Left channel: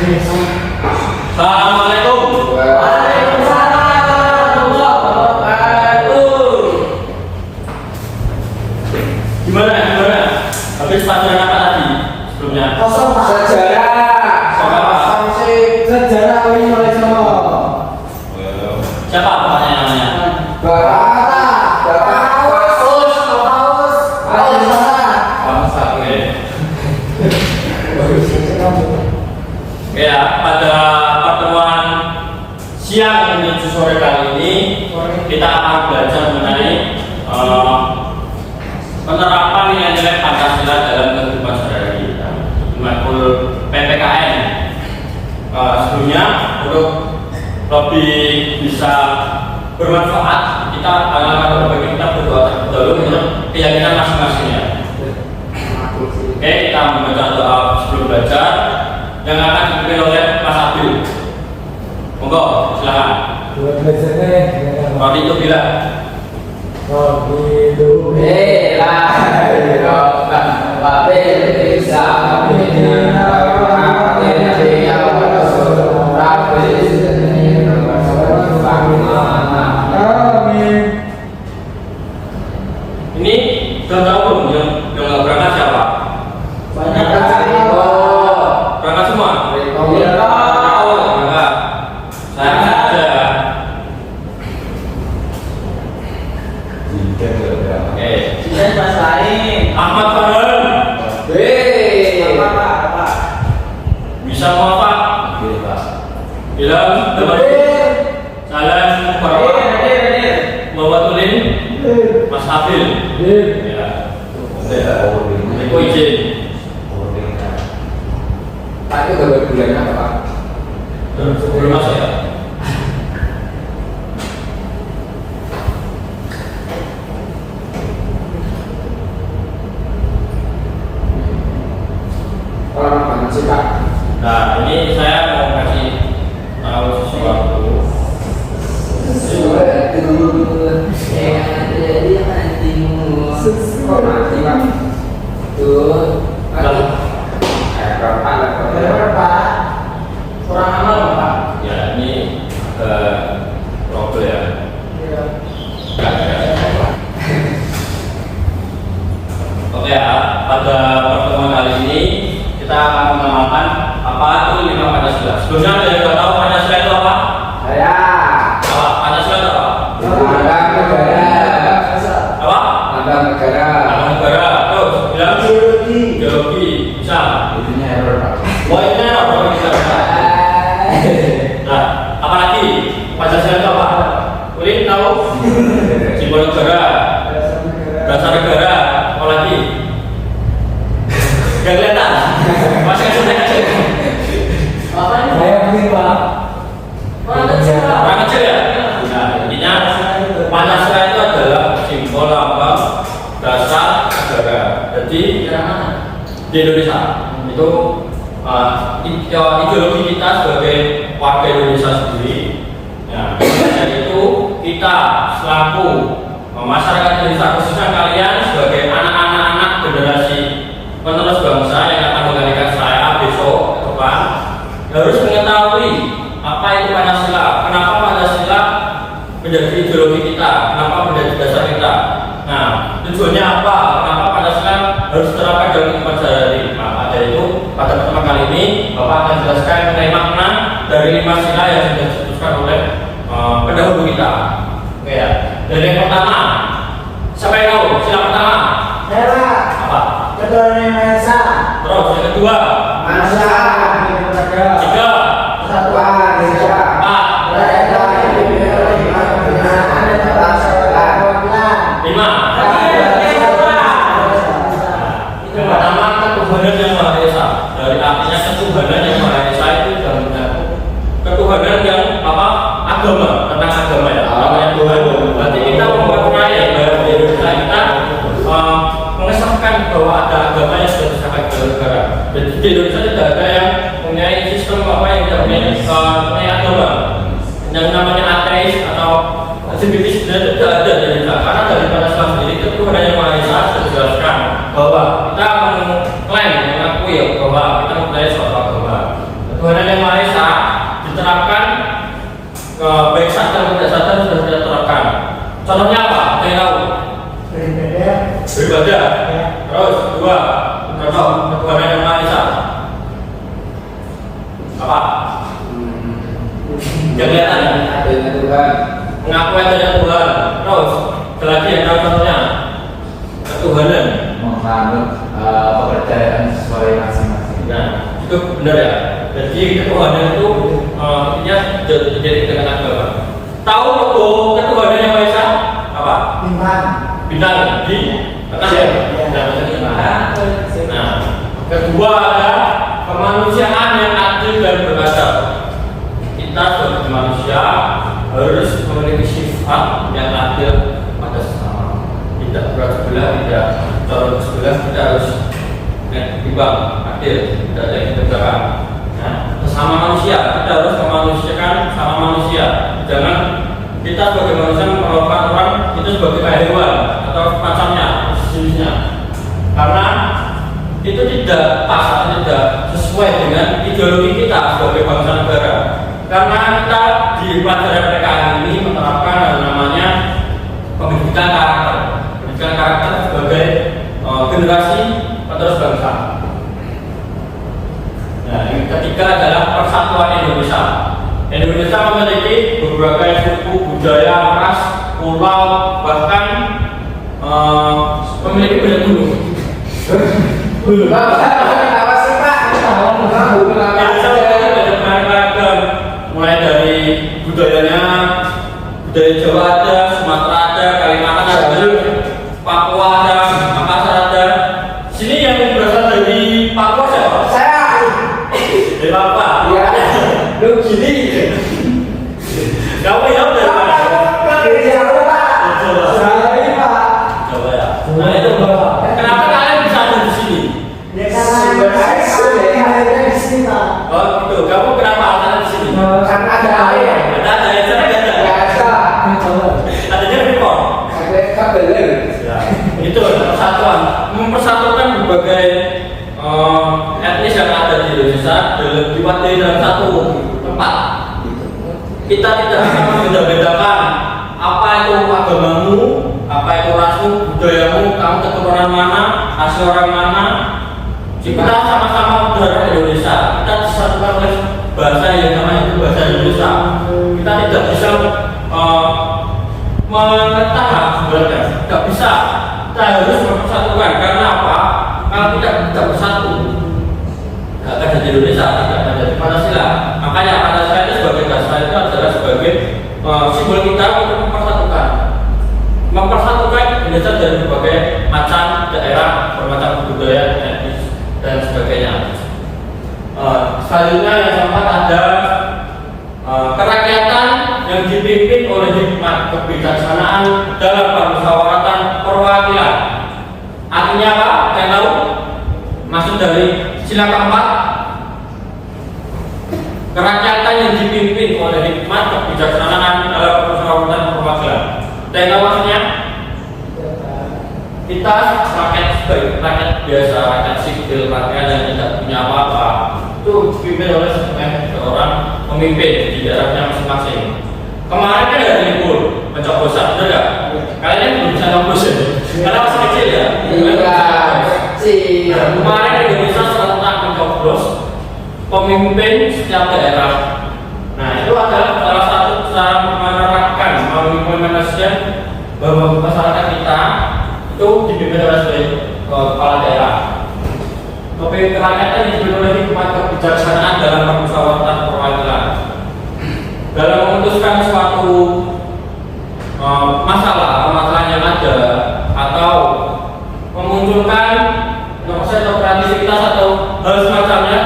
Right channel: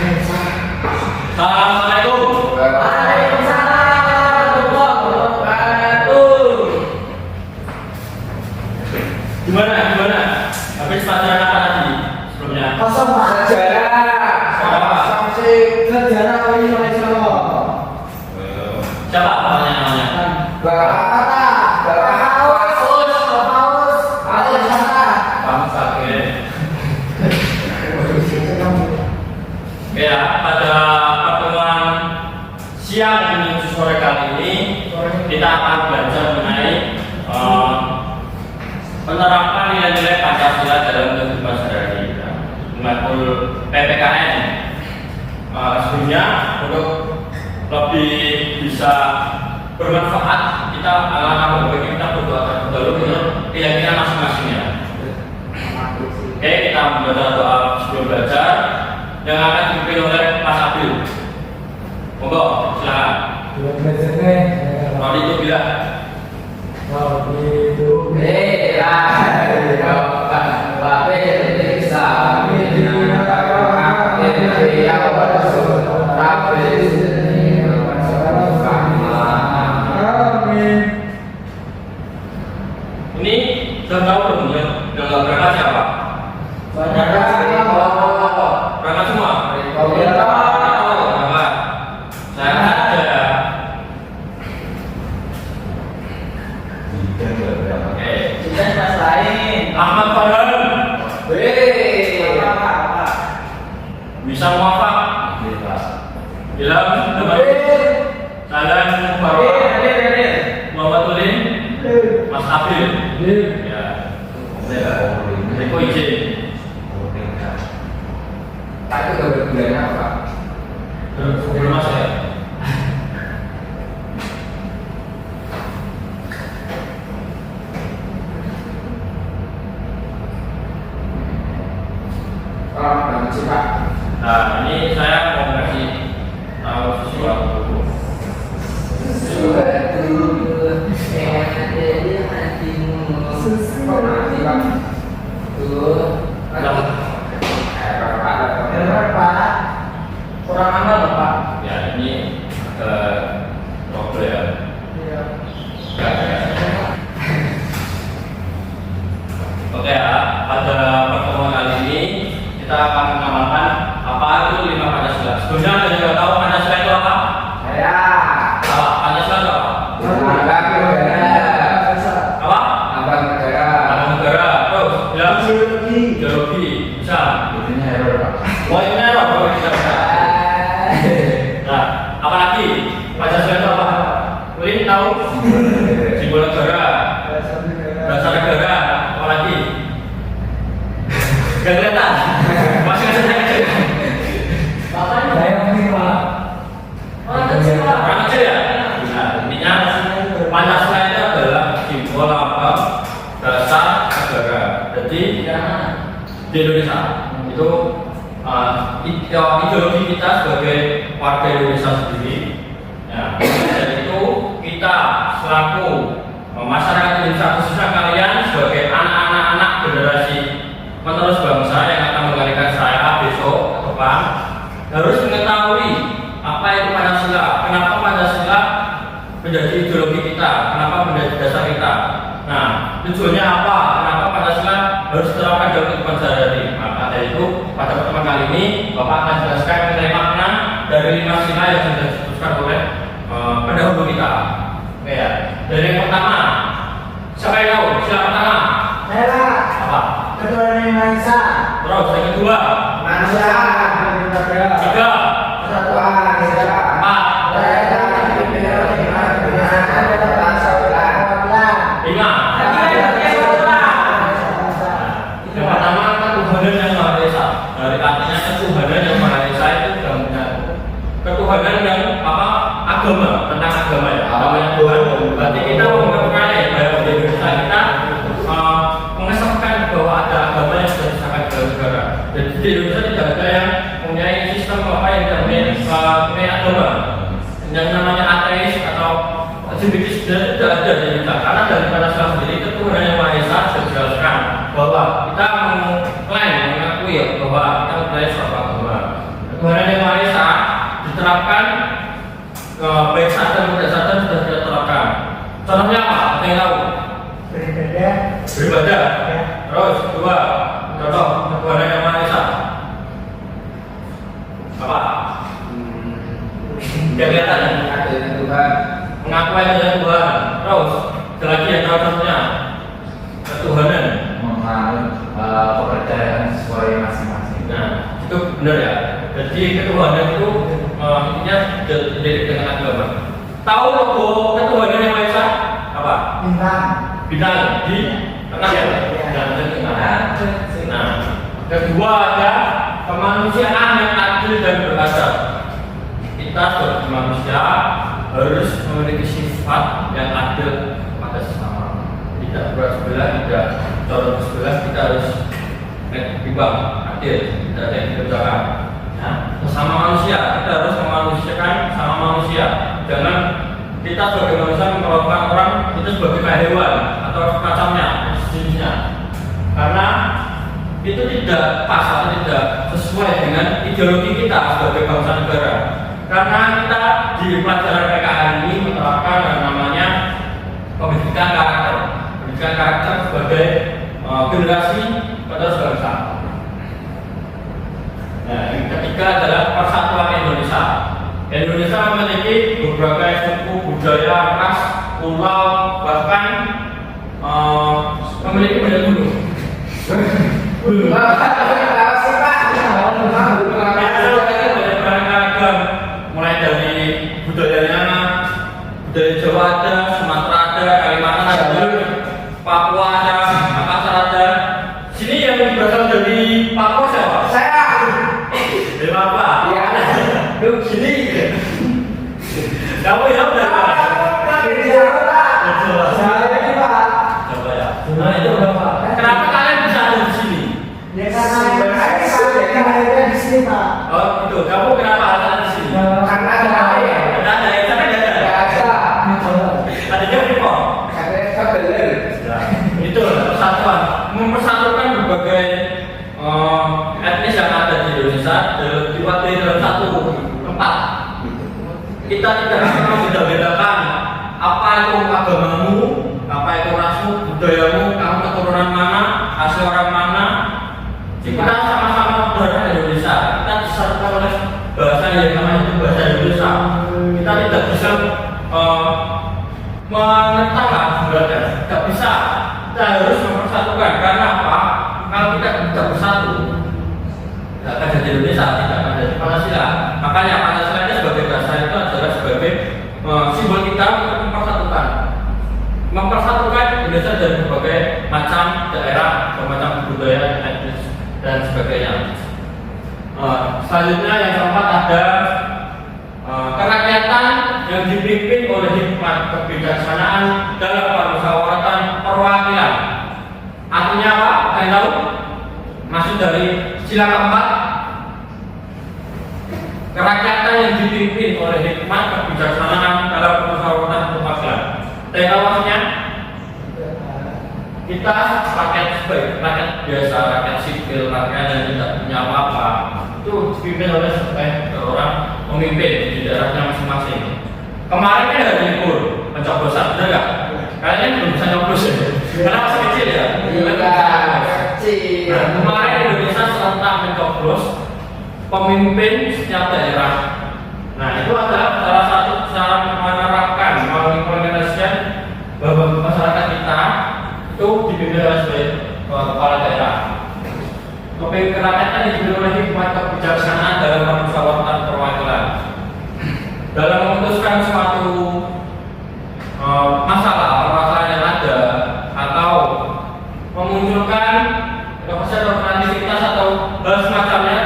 Assalamualaikum. Waalaikumsalam warahmatullahi wabarakatuh. Gimana? Habis pelajaran apa tadi sebelumnya? Kosong Pak. Sejarah. Sejarah ini oleh Jono. Siapa namanya? Bapak Paus. Ya, pada pertemuan siang menuju sore kali ini kita akan belajar mengenai penerapan nilai-nilai Pancasila dalam kehidupan sehari-hari kita, matkul PPKN. Sebelumnya untuk lebih bisa bermanfaat, kita akan kita berdoa dulu menurut keyakinan masing-masingnya. Oke, kita membaca doa sebelum belajar yang akan dipimpin oleh Mas Abil. Monggo, silakan. Rodi itu bila. Ini sudah tahu belum yang berangkat siapa? Banyak sekali. Berangkat semua? Berangkat. Saya ada. Oke. Ahmad Farhan. Bisa muafak? Bilang Salam Mubarak. Muhammad Ulin. Mas Abil. Ya. Eko izin. Itu gambar bulannya apa Pak? Belum masuk ya? Lama banget sih Pak. Nah, ini saya mau kasih tahu sesuatu. Kok mati Pak? Tuh. Berapa? Kurang aman loh Pak. Ya, ini ada problem ya. Oke ya, pada pertemuan kali ini kita akan mengenalkan apa itu 5 Pancasila. Sebelumnya ada yang tahu Pancasila itu apa? Saya. Apa? Pancasila itu apa? Lambang negara. Apa? Lambang negara. Lambang negara. Terus bilang ideologi. Bisa. Itunya error Pak. Wah, ini apa? Bisa. Nah, apa lagi? Pancasila itu apa? Ulin tahu? Simbol negara. Dasar negara. Apa lagi? Gak kelihatan. Masih kecil. Saya mungkin Pak. Orang kecil ya? Nah, intinya Pancasila itu adalah simbol lambang dasar negara. Jadi di Indonesia itu ideologi kita sebagai warga Indonesia sendiri. Nah, dari itu kita selaku masyarakat Indonesia, khususnya kalian sebagai anak-anak generasi penerus bangsa yang akan menggantikan saya besok ke depan, harus mengetahui apa itu Pancasila, kenapa Pancasila menjadi ideologi kita, kenapa menjadi dasar kita. Nah, tujuannya apa? Kenapa Pancasila harus diterapkan dalam kehidupan sehari-hari? Maka dari itu pada pertemuan kali ini Bapak akan jelaskan mengenai makna dari 5 sila yang sudah disebutkan oleh pendahulu kita. Oke ya. Dari yang pertama, siapa yang tahu? Sila pertama. Saya Pak. Apa? Ketua Indonesia. Terus yang kedua. Masa. Tiga. Persatuan Indonesia. Empat. Lima. Yang pertama ketuhanan yang Maha Esa. Dari artinya ketuhanan yang Maha Esa itu ketuhanan yang apa? Agama, tentang agama ya. Namanya Tuhan. Berarti kita mempercayai bahwa di Indonesia kita mengesahkan bahwa ada agama yang sudah disahkan dalam negara. Jadi di Indonesia tidak ada yang mempunyai sistem apa yang mempunyai agama. Yang namanya ateis atau Simbikis tidak ada di Indonesia. Karena dari Pancasila sendiri ketuhanan yang Maha Esa sudah dijelaskan bahwa kita mengklaim, mengakui bahwa kita mempunyai suatu agama. Ketuhanan yang tidak sadar sudah tidak terekam. Contohnya apa? Ada yang tahu? Beribadah. Ya. Terus kedua, contoh Tuhan yang Maha Esa. Apa? Yang kelihatan. Adanya Tuhan. Mengaku adanya Tuhan. Terus, ada lagi yang tahu contohnya? Ketuhanan. Menganut kepercayaan sesuai masing-masing. Nah, itu benar ya. Jadi ketuhanan itu intinya jadi dengan apa? Tahu logo ketuhanan yang Maha Esa? Apa? Bintang. Bintang di tengah ya. Nah, kedua ada kemanusiaan yang adil dan beradab. Kita sebagai manusia harus memiliki sifat yang adil pada sesama. Tidak berat sebelah, tidak calon sebelah, kita harus imbang, adil, tidak ada yang berbeda. Nah, sesama manusia, kita harus memanusiakan sama manusia. Jangan kita sebagai manusia memperlakukan orang itu sebagai kayak hewan atau macamnya, sejenisnya. Karena itu tidak pas atau tidak sesuai dengan ideologi kita sebagai bangsa negara. Karena kita di pelajaran PKN ini menerapkan yang namanya pendidikan karakter. Pendidikan karakter sebagai generasi penerus bangsa. Nah, yang ketiga adalah persatuan Indonesia. Indonesia memiliki berbagai suku, budaya, ras, pulau, bahkan memiliki banyak gunung. Mulai dari budayanya, budaya Jawa ada, Sumatera ada, Kalimantan ada, Papua ada, Makassar ada. Sini yang berasal dari Papua siapa? Saya. Dari Papua. Ya. Lu gini. Kamu yang dari mana? Dari Jawa, Pak. Jawa. Saya ini, Pak. Coba ya. Nah itu kenapa kalian bisa ada di sini? Ya karena saya di sini, Pak. Oh gitu. Kamu kenapa ada di sini? Karena ada air ya. Ada yang sana nggak ada. Biasa. Adanya Freeport. Ada kabel. Ya, itu persatuan, mempersatukan berbagai etnis yang ada di Indonesia diwakili dalam satu tempat. Kita tidak akan membeda-bedakan apa itu agamamu, apa itu rasmu, budayamu, kamu keturunan mana, asal orang mana. Jadi kita sama-sama berada di Indonesia. Kita disatukan oleh bahasa yang namanya itu bahasa Indonesia. Kita tidak bisa mengetahui sebenarnya, tidak bisa. Kita harus mempersatukan. Karena apa? Kalau kita tidak bersatu, tidak akan jadi Indonesia, tidak akan jadi Pancasila. Makanya Pancasila itu sebagai dasar itu adalah sebagai simbol kita untuk mempersatukan Indonesia dari berbagai macam daerah, bermacam budaya, etnis dan sebagainya. Selanjutnya yang keempat ada kerakyatan yang dipimpin oleh hikmat kebijaksanaan dalam permusyawaratan perwakilan. Artinya apa? Yang tahu? Maksud dari sila keempat, kerakyatan yang dipimpin oleh hikmat kebijaksanaan dalam permusyawaratan perwakilan. Yang tahu maksudnya? Kita rakyat sebagai rakyat biasa, rakyat sipil, rakyat yang tidak punya apa-apa, itu dipimpin oleh seorang pemimpin di daerahnya masing-masing. Kemarin kan ada libur pencoblosan, benar nggak? Kalian belum bisa nyoblos ya? Karena masih kecil ya. Kecil. Nah, kemarin Indonesia serentak mencoblos pemimpin setiap daerah. Nah, itu adalah salah satu cara menerapkan, mengimplementasikan bahwa masyarakat kita itu dipimpin oleh kepala daerah. Tapi kerakyatan dipimpin oleh hikmat kebijaksanaan dalam permusyawaratan perwakilan. Dalam memutuskan suatu masalah yang ada atau memunculkan proses atau kreativitas atau hal semacamnya,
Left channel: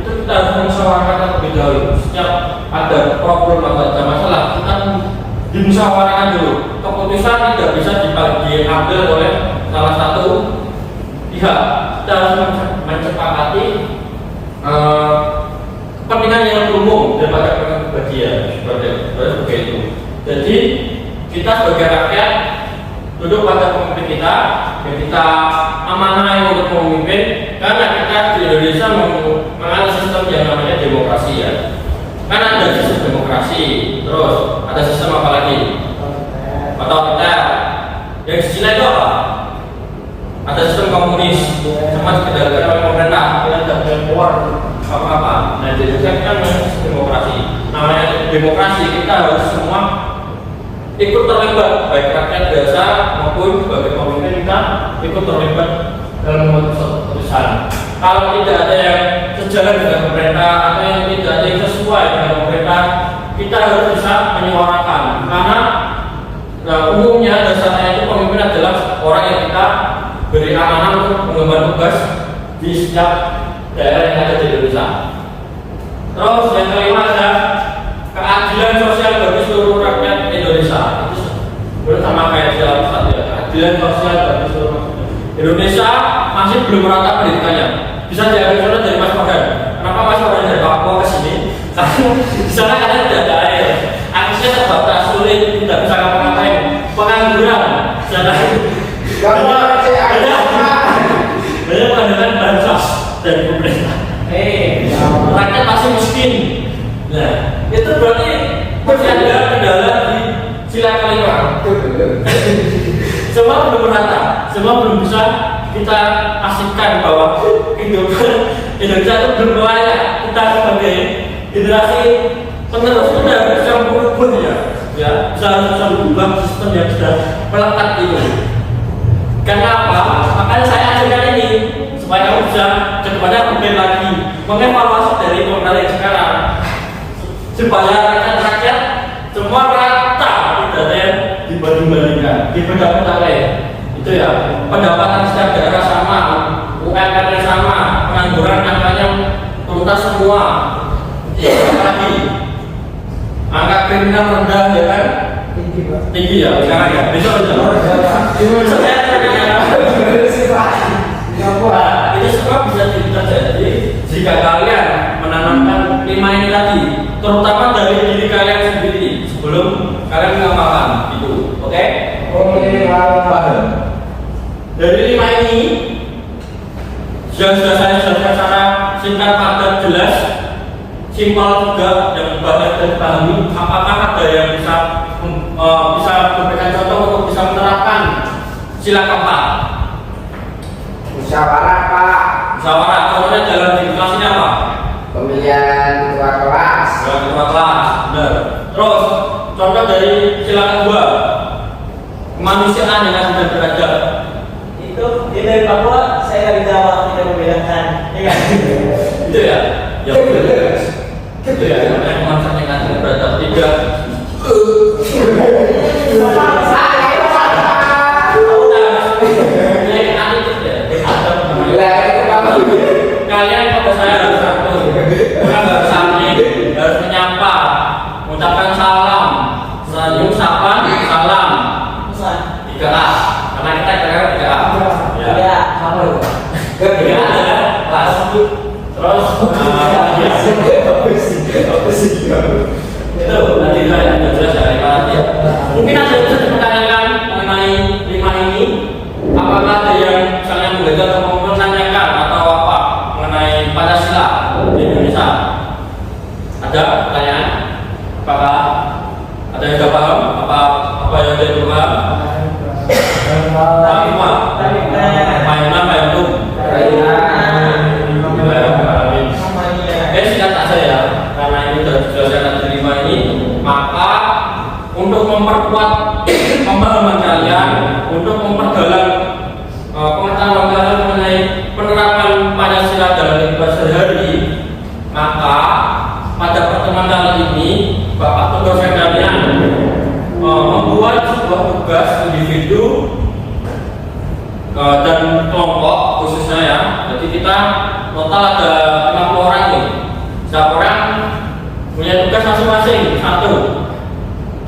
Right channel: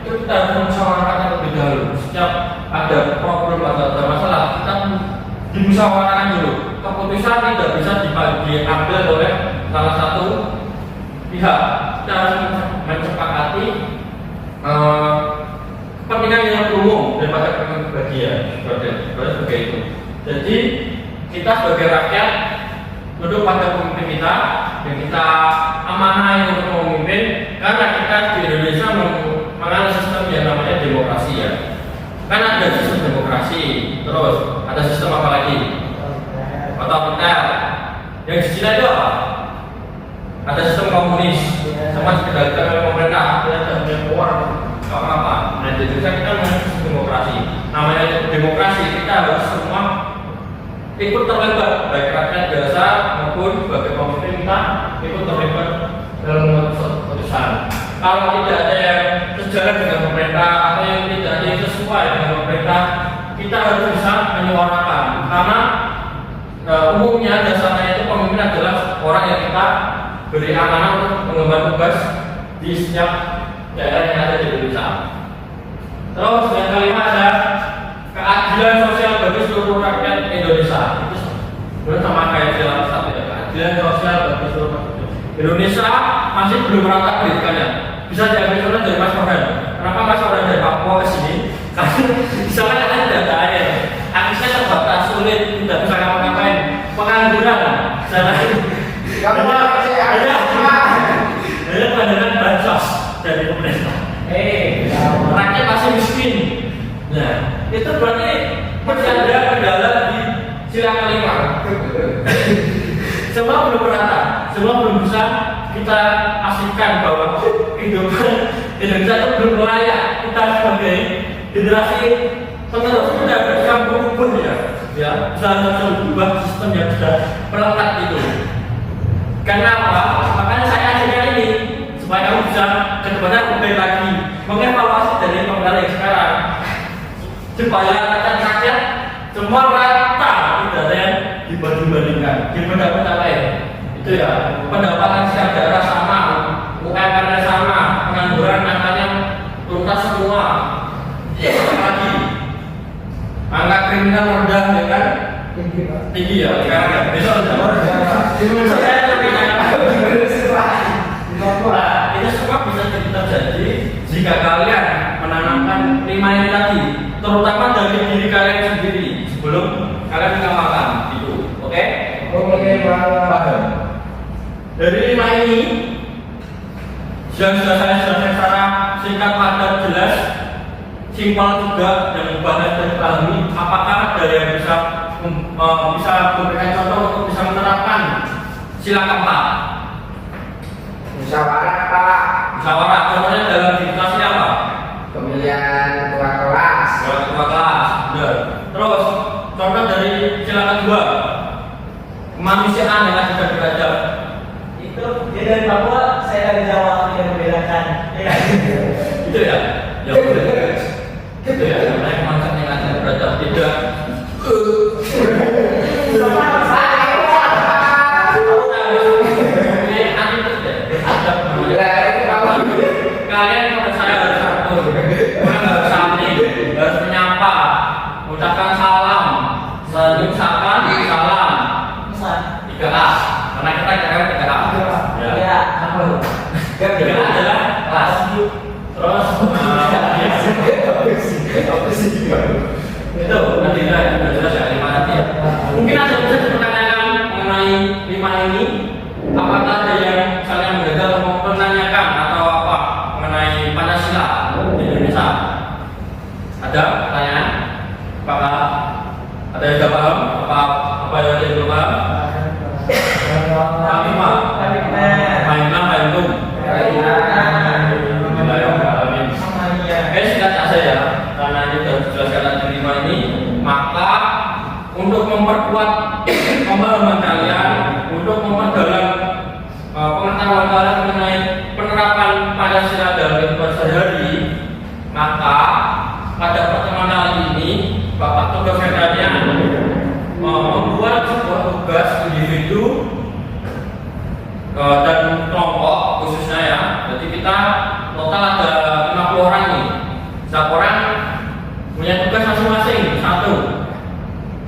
itu kita harus memusyawarahkan terlebih dahulu. Setiap ada problem atau ada masalah, kita dimusyawarahkan dulu. Keputusan tidak bisa diambil oleh salah satu pihak. Kita harus mencepakati kepentingan yang umum daripada kepentingan bagian seperti itu. Jadi kita sebagai rakyat duduk pada pemimpin kita, yang kita amanai untuk memimpin, karena kita di Indonesia mengalami sistem yang namanya demokrasi ya. Kan ada sistem demokrasi, terus ada sistem apa lagi? Otoriter. Yang di Cina itu apa? Ada sistem komunis, sama dikendalikan oleh pemerintah. Ada keluar apa-apa. Nah, jadi kan sistem demokrasi. Namanya demokrasi, kita harus semua ikut terlibat, baik rakyat biasa maupun sebagai pemimpin kita ikut terlibat dalam memutuskan keputusan. Kalau tidak ada yang sejalan dengan pemerintah atau yang tidak ada yang sesuai dengan pemerintah, kita harus bisa menyuarakan. Karena umumnya dasarnya itu pemimpin adalah orang yang kita beri amanah untuk mengemban tugas di setiap daerah yang ada di Indonesia. Terus yang kelima ada keadilan sosial bagi seluruh rakyat Indonesia. Itu sama kayak sila satu ya, keadilan sosial bagi seluruh rakyat Indonesia. Masih belum merata pendidikannya. Bisa diambil contoh dari Mas Farhan. Kenapa Mas Farhan dari Papua ke sini? Karena di sana kadang tidak ada air, aksesnya terbatas, sulit, tidak bisa ngapa-ngapain, pengangguran, jalan. Kamu Banyak mengandalkan bansos dari pemerintah. Rakyat masih miskin. Nah, itu berarti masih ada kendala di sila kelima. Semua belum merata, semua belum bisa kita pastikan bahwa kehidupan Indonesia itu belum layak. Kita sebagai generasi penerus kita harus bisa merubah ya, bisa merubah sistem yang sudah melekat itu. Karena apa? Makanya saya ajukan ini supaya kamu bisa kedepannya lebih lagi mengevaluasi dari pemerintah yang sekarang, supaya rakyat semua rata, tidak ada yang dibanding-bandingkan, dibeda-beda itu ya. Pendapatan setiap daerah sama, UMR-nya sama, pengangguran angkanya tuntas semua. Lagi angka kriminal rendah ya kan? Tinggi ya sekarang ya. Besok aja. Itu semua bisa terjadi jika kalian menanamkan 5 ini tadi, terutama dari diri kalian sendiri sebelum kalian mengamalkan itu. Oke? Paham? Dari 5 ini yang sudah saya jelaskan secara singkat, padat, jelas, simpel juga, yang mudah dan dipahami. Apakah ada yang bisa memberikan contoh untuk bisa menerapkan sila keempat? musyawarah Pak. Musyawarah, contohnya dalam kelas ini apa? Pemilihan ketua kelas. Ketua kelas, benar. Terus contoh dari sila kedua, kemanusiaan yang adil dan beradab. Itu dia dari Papua, saya dari Jawa, tidak membedakan. Itu ya, ya benar. Itu ya, namanya konsep yang adil dan beradab. Tidak. Kalian pada saya harus santun, orang harus saling, harus menyapa, mengucapkan salam, senyum sapa, salam. 3A, karena kita kira-kira 3A. Ya, apa lu? 3A adalah kelas. Terus itu nanti saya jelas ya 5 nanti ya. Mungkin ada yang bisa dipertanyakan mengenai 5 ini. Apakah ada yang kalian menggagal atau menanyakan atau apa mengenai Pancasila di Indonesia? Ada pertanyaan? Apakah ada yang sudah paham? Apa yang ada yang belum paham? Pak Imam, Pak Imam, singkat saja ya, karena ini sudah dijelaskan dari 5 ini, maka untuk memperkuat pemahaman kalian, untuk memperdalam pengetahuan kalian mengenai penerapan Pancasila dalam kehidupan sehari-hari, maka pada pertemuan kali ini Bapak tugasnya kalian membuat sebuah tugas individu dan kelompok khususnya ya. Jadi kita total ada 50 orang nih. Setiap orang punya tugas masing-masing satu.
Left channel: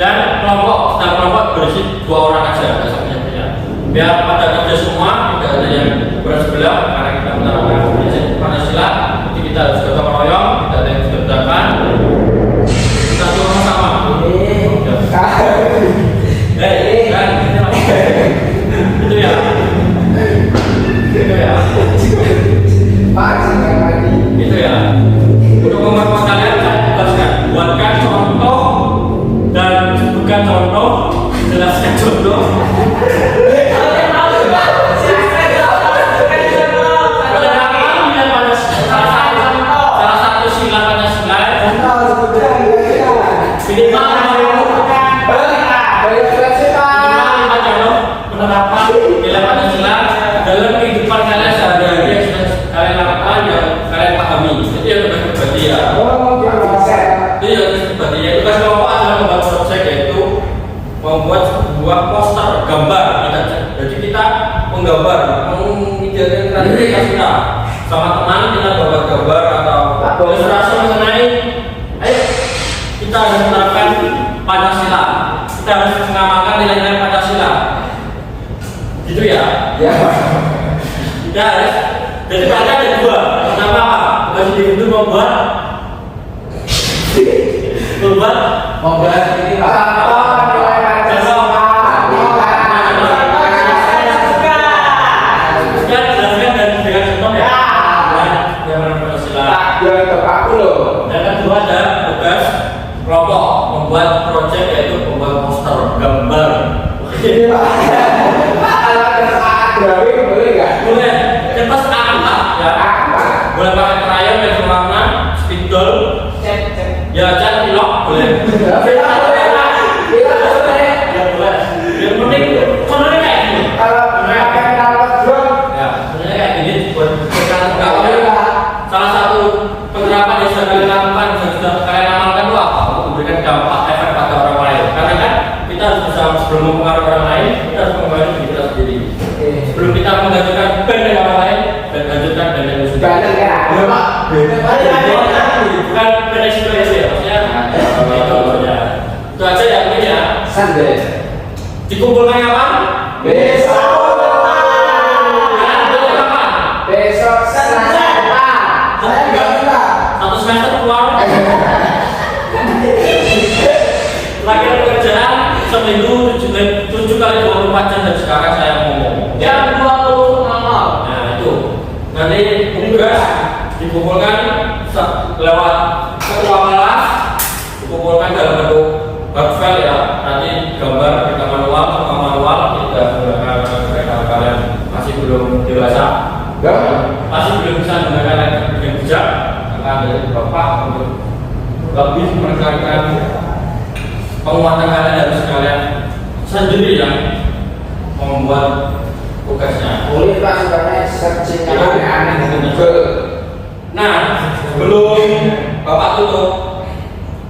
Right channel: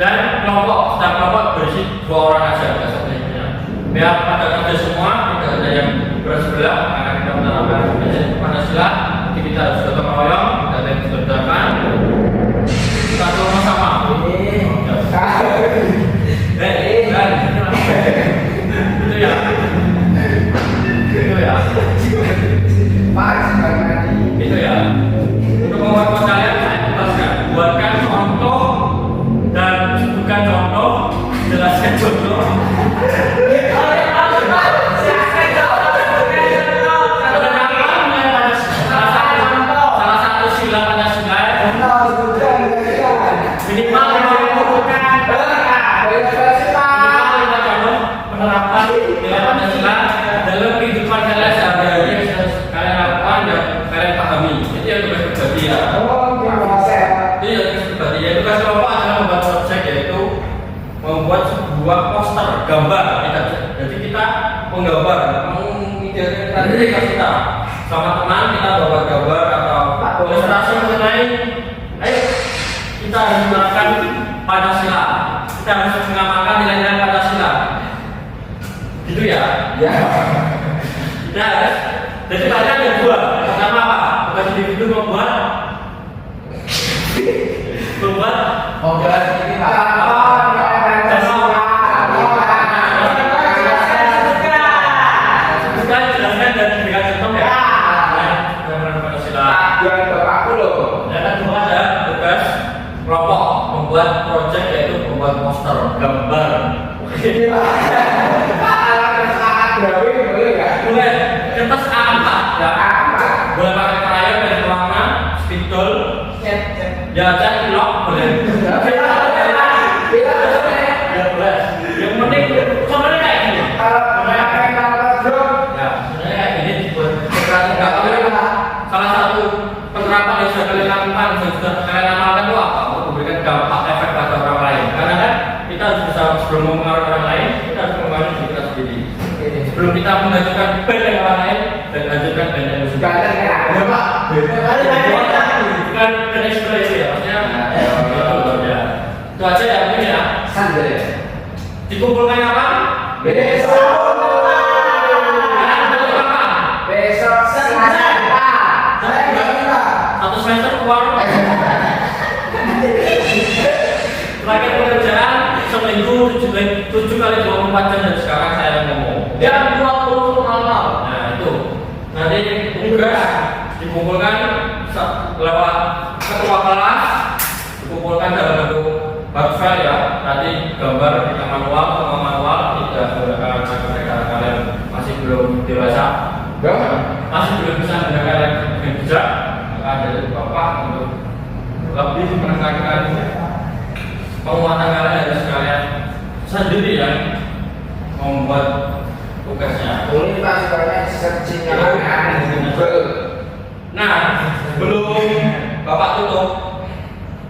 Dan setiap kelompok berisi 2 orang aja biasanya. Biar pada kerja semua, tidak ada yang berat sebelah karena kita menerapkan prinsip Pancasila. Jadi kita harus gotong royong, tidak ada yang dibedakan. Kita sama-sama. Itu ya. Itu ya. Untuk memperkuat kalian saya tugaskan jodoh. Salah satu sila Pancasila minimal penerapan nilai Pancasila dalam kehidupan kalian sehari-hari yang sudah kalian lakukan yang kalian pahami. Itu yang tugas pribadi ya. Itu yang tugas pribadi ya. Tugas kelompok adalah membuat proyek, yaitu membuat sebuah poster gambar. Jadi kita menggambar, mengidealkan kreativitas kita sama teman, kita buat gambar atau ilustrasi mengenai ayo kita harus menerapkan Pancasila, kita harus mengamalkan nilai-nilai Pancasila gitu ya. Ya. Kita harus, jadi mereka ada dua. Pertama apa? Tugas individu membuat ini yang kedua ada tugas kelompok membuat proyek, yaitu membuat poster gambar. boleh nggak? Boleh kertas A4 ya, boleh pakai krayon dan warna spidol ya, cat pilok boleh. Yang penting sebenarnya kayak gini ya, sebenarnya kayak gini buat salah satu penerapan yang sudah kalian lakukan dan sudah kalian amalkan itu apa? Untuk memberikan dampak efek pada orang lain. Karena kan kita harus bisa, sebelum mempengaruhi orang lain, kita harus mempengaruhi diri kita sendiri. Sebelum kita menghancurkan band yang orang lain dan hancurkan band yang sendiri. Bukan band yang sendiri ya, maksudnya itu aja ya mungkin ya. Dikumpulkan kapan? Besok Satu semester keluar. Lagi pekerjaan seminggu 7 kali 24 jam dan sekarang saya ngomong. Jangan dibuat Nah itu nanti tugas dikumpulkan lewat ketua kelas, dikumpulkan dalam bentuk file ya. Nanti gambar kita manual, semua manual kita gunakan sampai kalian masih belum dewasa, masih belum bisa menggunakan dengan bijak, akan dari bapak untuk lebih menekankan penguatan kalian harus kalian sendiri yang membuat tugasnya. Boleh Pak, sebenarnya searching aneh di Google. Nah, sebelum bapak tutup,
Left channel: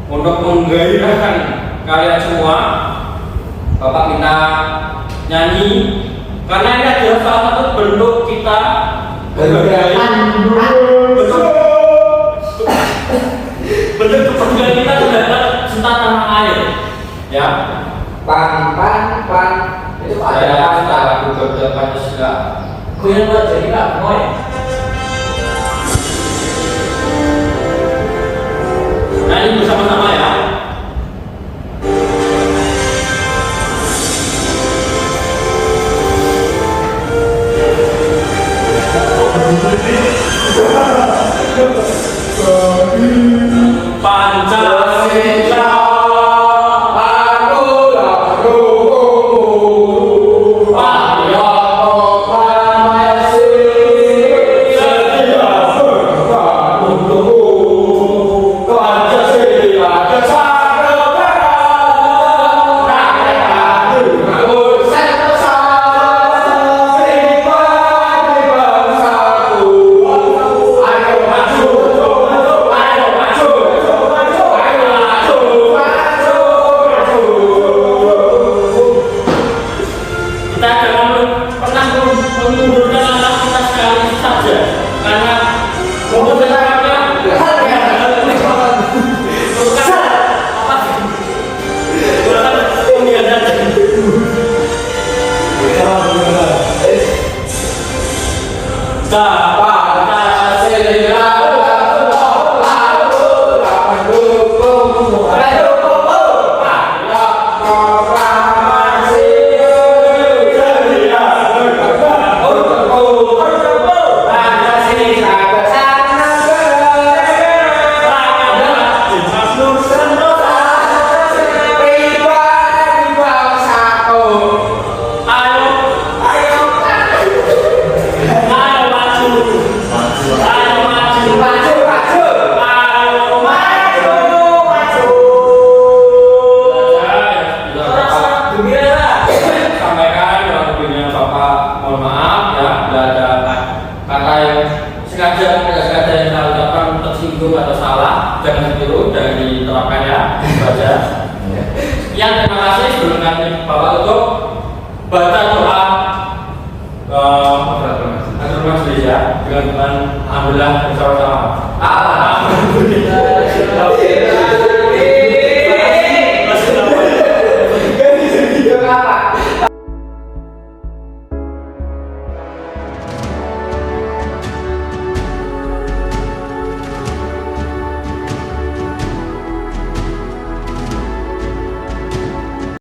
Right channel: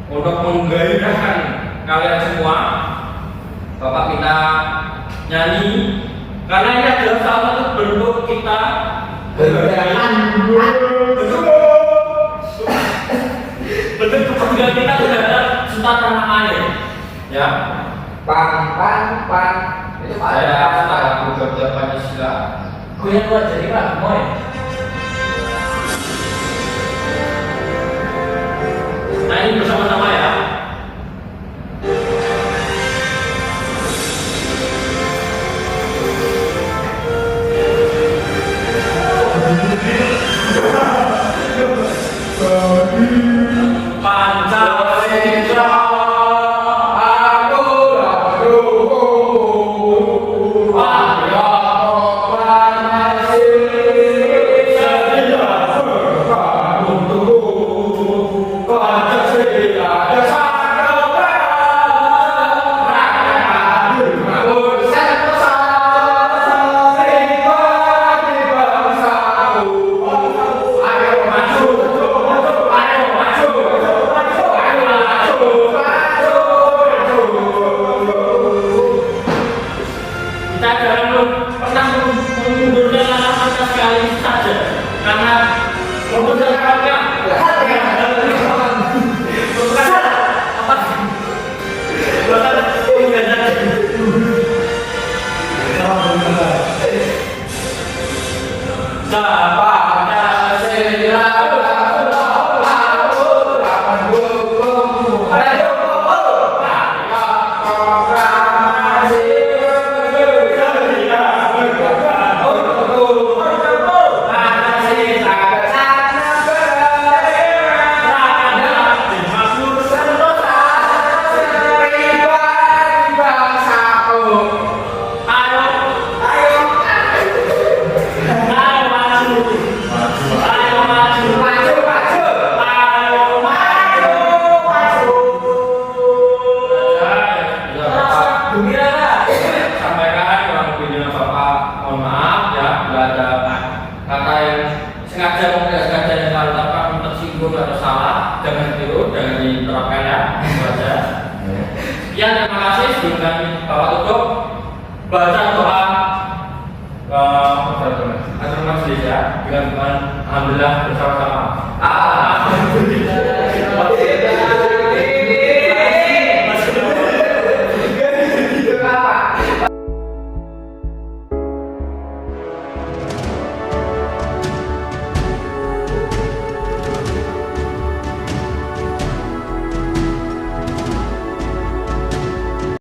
untuk menggairahkan kalian semua, bapak minta nyanyi, karena ini adalah salah satu bentuk kita menghargai bentuk kebanggaan kita terhadap cinta tanah air, ya. Pan itu Pak, Saya suka lagu Garuda Pancasila. Goyang buat jadi Pak, boy. Nah ini bersama-sama ya. Pancasila. Pancasila. jangan ditiru, jangan diterapkan ya, itu aja. Sekian, terima kasih. Sebelum kami Bapak tutup, baca doa Atur Majelis ya, dengan Alhamdulillah bersama-sama.